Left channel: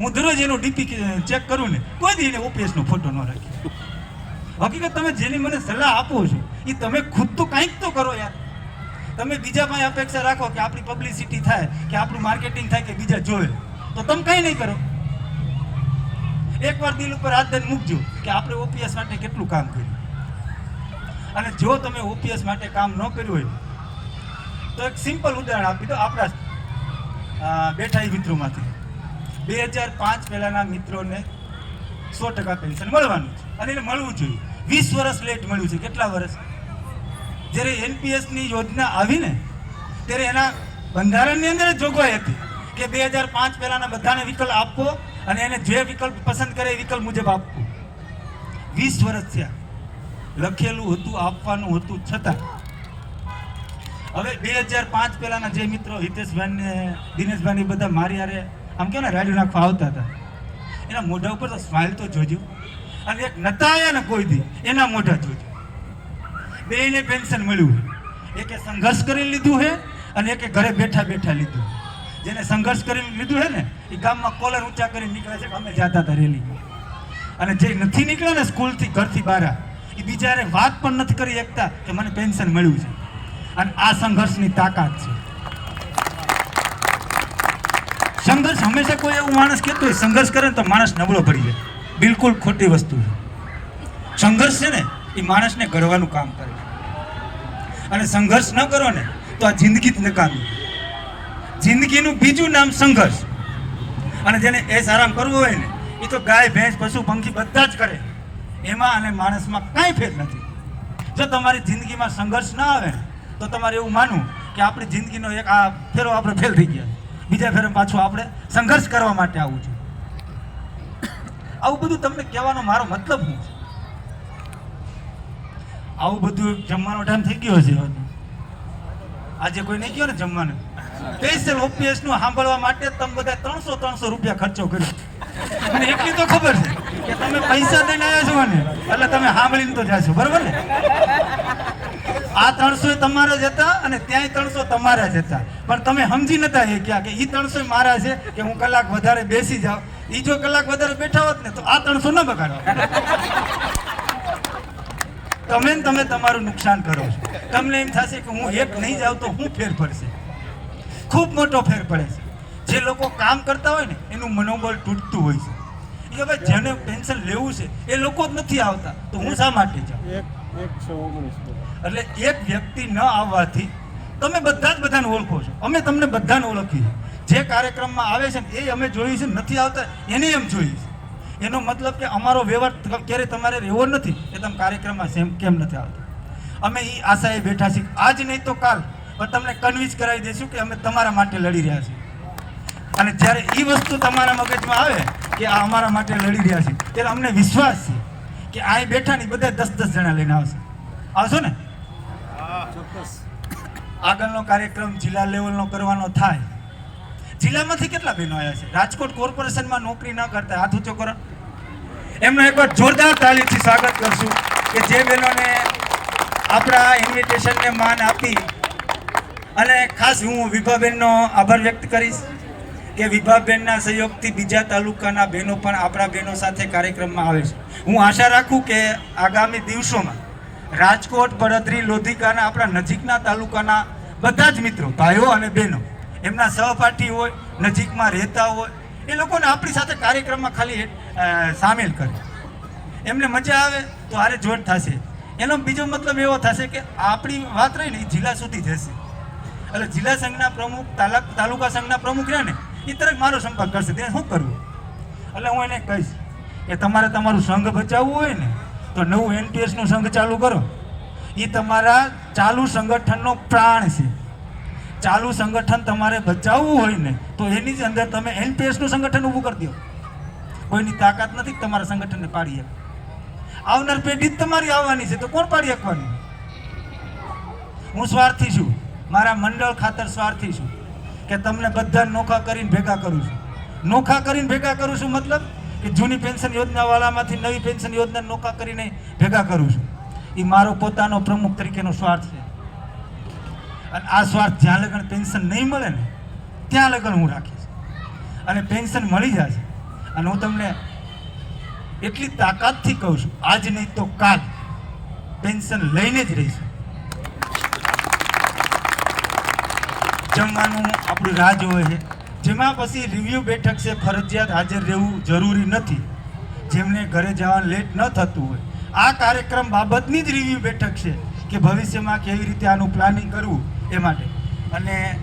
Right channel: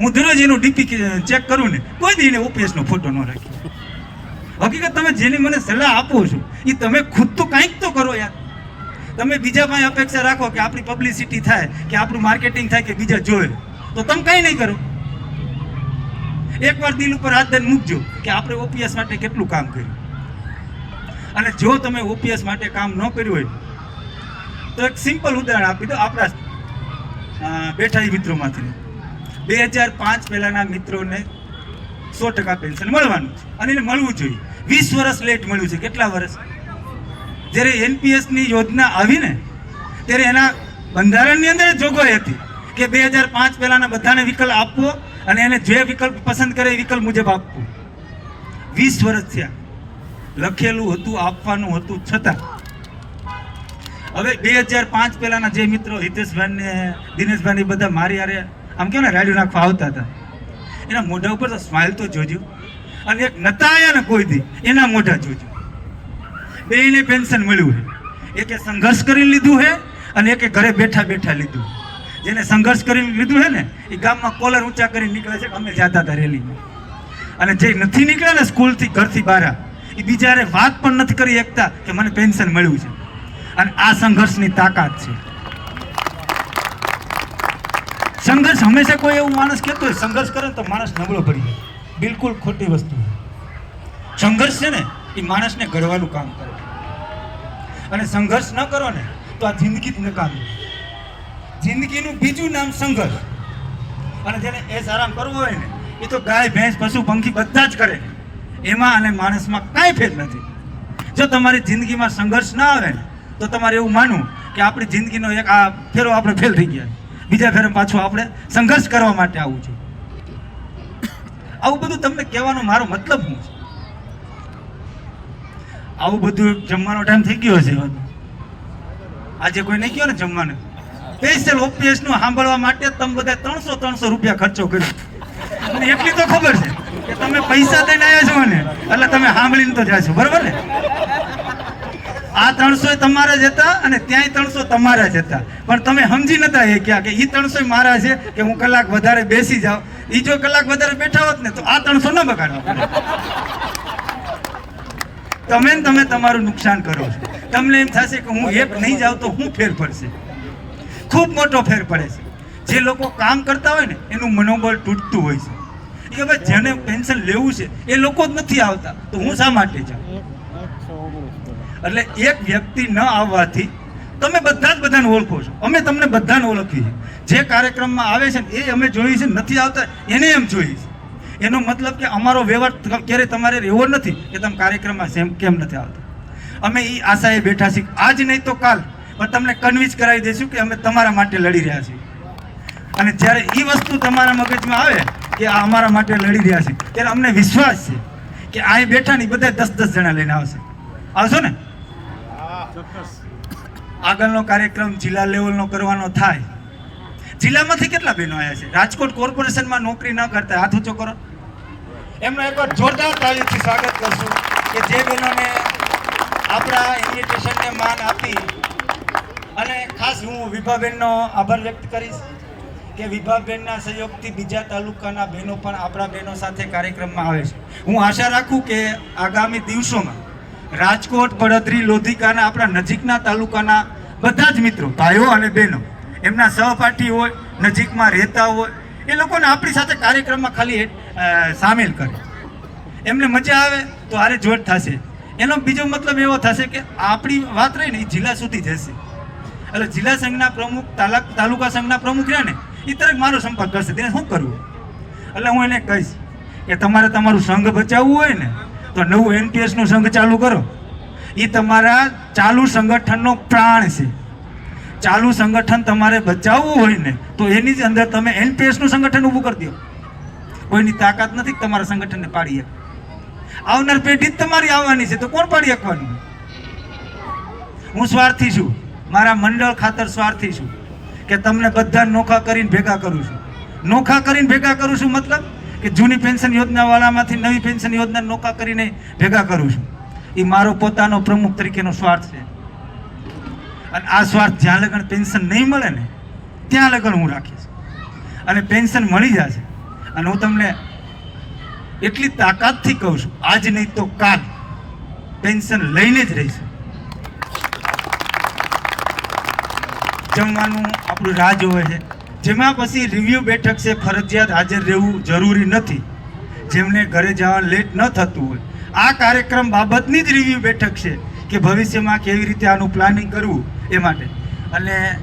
હું દરરોજ એનું ડીપી ચેક કરું ને, કોઈ દી એને ઓપીએસનો ફોટો ન રાખી. હકીકત તમે જેની મને સલાહ આપો છો એ તમે ખુદ તો કંઈક તો કરો યાર. તમે બીજા પાસે અપેક્ષા રાખો કે આપણી પબ્લિસિટી થાય, કે આપણું માર્કેટિંગ થાય કે બીજા જોવે. તો તમે કંઈ નહીં કરો. એકવાર દિલ ઉપર હાથ દઈને મૂકજો કે આપણે ઓપીએસ માટે કેટલું કામ કર્યું. અને જો તમે ઓપીએસ માટે કામ ન કર્યું હોય, તો એક સિમ્પલ ઉદાહરણ આપી દો આપણા બેઠા મિત્રોમાંથી. બે હજાર પાંચ પહેલાના મિત્રોને સો ટકા પેન્શન મળવાનું છે અને એને મળવું જોઈએ. વીસ વર્ષ લેટ મળ્યું છે. કેટલા વર્ષ? જ્યારે એનપીએસની યોજના આવી ને ત્યારે એના બંધારણની અંદર જોગવાઈ હતી કે બે હજાર પાંચ પહેલાના બધાને વિકલ્પ આપવો અને એને જે વિકલ્પ પસંદ કરે એ વિકલ્પ મુજબ આપવું. વીસ વર્ષ થયા. લખેલું હતું, આપવાનું હતું છતાં. હવે બે હજાર પાંચ પહેલાના જે મિત્રો હિતેશભાઈ ને દિનેશભાઈ બધા મારી હારે આમ કેમ ને રાડ્યું નાખવા આવતા હતા. એના મોઢા ઉપર તો સ્માઇલ તો જોજો. અને એક નતા આવ્યા ને કોઈ દી, એના મોઢા જોજો. બેને પેન્શન મળ્યું છે. એકે સંઘર્ષ કરી લીધું છે અને એકે ઘરે બેઠા બેઠા લીધું જેને સંઘર્ષ કરી લીધું છે ને, એ ગામમાં કોલર ઊંચા કરી નીકળે છે અમે જતા હતા રેલીમાં અને જે નથી નીકળ્યા ને સ્કૂલથી ઘરથી બહાર, એ બીજાને વાત પણ નથી કરી શકતા કે મને પેન્શન મળ્યું છે. અને આ સંઘર્ષની તાકાત છે. સંઘર્ષ, હંમેશા કોઈ એવું માણસ કહેતો હોય, સંઘર્ષ કરે તો માણસ નબળો પડી જાય. બિલકુલ ખોટી વસ્તુ છે. સંઘર્ષ છે ને, એ માણસને ઘડવાનું કામ કરે અને સંઘર્ષ ન કરો ને, તો આ જિંદગી જ નકામી. જિંદગીનું બીજું નામ સંઘર્ષ. અને જેને એસ આરામ કરવો હોય ને, એ તો ગાય, ભેંસ, પશુ, પંખી બધા જ કરે. એમાં અને માણસમાં કાંઈ ફેર નથી. જો તમારી જિંદગીમાં સંઘર્ષ ના આવે ને, તો તમારે એવું માનવું કે આપણી જિંદગીનો એક આ ફેરો આપણે ફેલ થઈ ગયા બીજા ફેરે પાછું આપણે સંઘર્ષ કરવા માટે આવવું છે. આવું બધું તમને કહેવાનો મારો મતલબ શું છે? આવું બધું જમવાનો ટાઈમ થઈ ગયો છે આજે કોઈ નહીં ગયો ને જમવાનું? સ્પેશિયલ ઓપીએસનું સાંભળવા માટે તમે બધા ત્રણસો ત્રણસો રૂપિયા ખર્ચો કર્યો. મને એટલી તો ખબર છે કે તમે પૈસા દઈને આવ્યા છો ને એટલે તમે સાંભળીને તો જાશો. બરાબર ને? આ ત્રણસો તમારા જ હતા અને ત્યાંય ત્રણસો તમારા જ હતા. પણ તમે સમજી નતા એ ક્યાં કે એ ત્રણસો મારા છે કે હું કલાક વધારે બેસી જાઉં. એ જો કલાક વધારે બેઠા હોત ને તો આ ત્રણસો ન બગાડો તમે તમે તમારું નુકસાન કરો છો. તમને એમ થશે કે હું એક નહીં જાઉં તો હું ફેર પડશે. ખૂબ મોટો ફેર પડે છે. જે લોકો કામ કરતા હોય ને એનું મનોબળ તૂટતું હોય છે. કે ભાઈ જેને પેન્શન લેવું છે એ લોકો જ નથી આવતા. તો હું શા માટે જાઉં? એટલે એક વ્યક્તિ ન આવવાથી તમે બધા જ બધાને ઓળખો છો. અમે તમને બધાને ઓળખીએ છીએ. જે કાર્યક્રમમાં આવે છે ને એ અમે જોઈએ છે નથી આવતા એને એમ જોઈએ છે એનો મતલબ કે અમારો વ્યવહાર ક્યારેય તમારે રહેવો નથી કે તમે કાર્યક્રમમાં સેમ કેમ નથી આવતા. અમે એ આશાએ બેઠા છીએ આજ નહીં તો કાલ, પણ તમને કન્વિન્સ કરાવી દઈશું કે અમે તમારા માટે લડી રહ્યા છીએ. અને જ્યારે એ વસ્તુ તમારા મગજમાં આવે કે આ અમારા માટે લડી રહ્યા છે, ત્યારે અમને વિશ્વાસ છે કે અહીં બેઠા ને બધા દસ દસ જણા લઈને આવશે. આવશો ને? આગળનો કાર્યક્રમ જિલ્લા લેવલનો કરવાનો થાય. જિલ્લામાંથી કેટલા બહેનો આવ્યા છે? રાજકોટ કોર્પોરેશનમાં નોકરી ન કરતા હાથ ઊંચો કરો. એમનો એકવાર જોરદાર તાલીમથી સ્વાગત કરશું કે જે બહેનોને આપણા ઇન્વિટેશનને માન આપી અને ખાસ હું વિભાબેનનો આભાર વ્યક્ત કરીશ કે વિભાબેનના સહયોગથી બીજા તાલુકાના બહેનો પણ આપણા બહેનો સાથે કાર્યક્રમમાં આવે છે. હું આશા રાખું કે આગામી દિવસોમાં રાજકોટ બળદરી લોધિકાના આપણા નજીકના તાલુકાના બધા જ મિત્રો, ભાઈઓ અને બહેનો, એમના સહપાઠી હોય, નજીકમાં રહેતા હોય, એ લોકોને આપણી સાથે કાર્યક્રમમાં ખાલી સામેલ કરે. એમને મજા આવે તો હારે જોડ થશે. એનો બીજો મતલબ એવો થશે કે આપણી વાત રહી ને જિલ્લા સુધી જશે. એટલે જિલ્લા સંઘના પ્રમુખ, તાલા, તાલુકા સંઘના પ્રમુખ રહ્યા ને, એ તરફ મારો સંપર્ક કરશે. તેને શું કરવું? એટલે હું એને કહીશ કે તમારે તમારું સંઘ બચાવવું હોય ને તો નવું એનપીએસનું સંઘ ચાલુ કરો. એ તમારા ચાલુ સંગઠનનો પ્રાણ છે. ચાલુ સંગઠન તમારે બચાવવું હોય ને, તો એની જ અંદર તમે એનપીએસનું સંગઠન ઊભું કરી દો. કોઈની તાકાત નથી તમારા સંગઠનને પાડી આવનાર પેઢી જ તમારી આવવાની છે, તો કોણ પાડી આપવાની હું સ્વાર્થી છું. મારા મંડળ ખાતર સ્વાર્થી છું. કે તમને બધા નોખા કરીને ભેગા કરું છું. નોખા કરીને ભેગા કરું છું મતલબ કે જૂની પેન્શન યોજનાવાળામાંથી નવી પેન્શન યોજના નોકા કરીને ભેગા કરું છું. એ મારો પોતાનો પ્રમુખ તરીકેનો સ્વાર્થ છે. અને આ સ્વાર્થ જ્યાં લગન પેન્શન નહીં મળે ને, ત્યાં લગન હું રાખીશ. અને પેન્શન મળી જશે. અને હું તમને એટલી તાકાતથી કહું છું, આજ નહીં તો કાલ પેન્શન લઈને જ રહીશ. જમવાનું આપણું રાહ જોવે છે. જેમાં પછી રિવ્યુ બેઠક છે, ફરજિયાત હાજર રહેવું જરૂરી નથી. જેમને ઘરે જવા લેટ ન થતું હોય. આ કાર્યક્રમ બાબતની જ રિવ્યુ બેઠક છે કે ભવિષ્યમાં કેવી રીતે આનું પ્લાનિંગ કરવું એ માટે. અને